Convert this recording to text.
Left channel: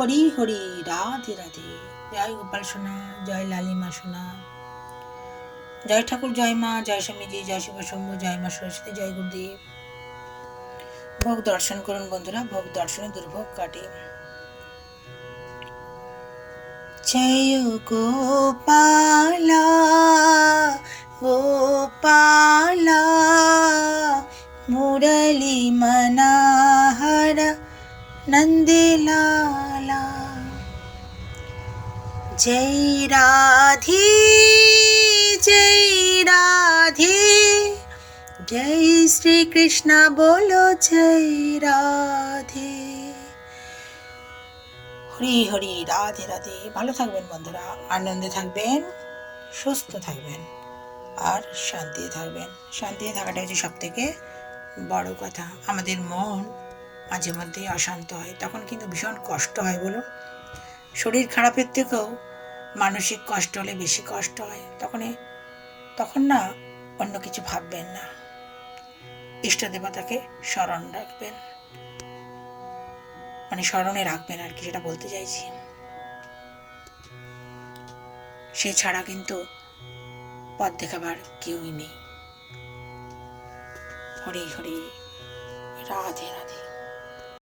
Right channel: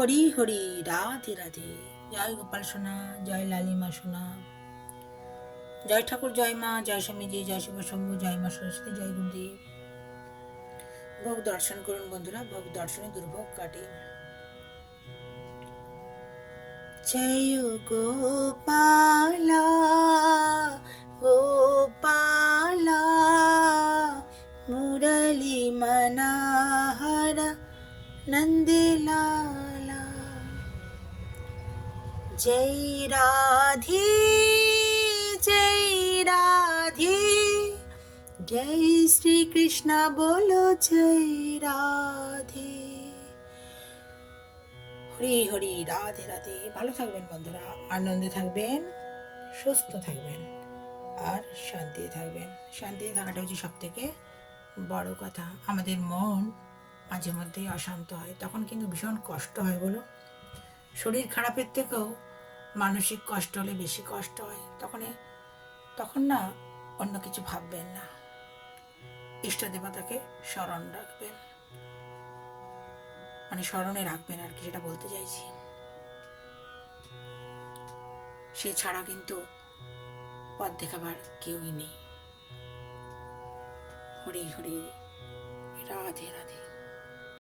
হরি হরি, রাধে রাধে। জয় গোপাল সোনা, জয় লালিমা সোনা, জয় ঠাকুর, জয় মা, জয় স্বামীজি, জয় শিব শম্ভু, জয় মা সরস্বতী, জয় গুরুদেব। ভোগ দর্শন করুন বন্ধুরা, ভোগ দর্শনে দুর্ভোগ কাটে। জয় গোপালা গোপালা, মুরলী মনোহর নন্দলালা। जय राधे जय राधे, जय श्री कृष्ण बोलो जय राधे। হরি হরি, রাধে রাধে। ভালো থাকবেন বন্ধুরা, আনন্দে থাকবেন, সুস্থ থাকবেন আর শান্তিতে থাকবেন। শান্তিতে থাকাটা হচ্ছে সব থেকে বড় কথা। আমাদের মন মাঝে মধ্যেই অশান্ত হয়, তখন কিন্তু ভীষণ কষ্ট হয় বলো। শরীর খারাপের থেকেও মানসিক কষ্ট হলে বেশি কষ্ট হয়। তখন না অন্য কিছু ভাববেন না, ইষ্ট দেবতাকে স্মরণ রাখবেন, মানে স্মরণে রাখবেন আর কি, সেটা বলতে চাইছি। সে ছাড়া কিন্তু পথ দেখাবার কেউই নেই। হরি হরি, রাধে রাধে।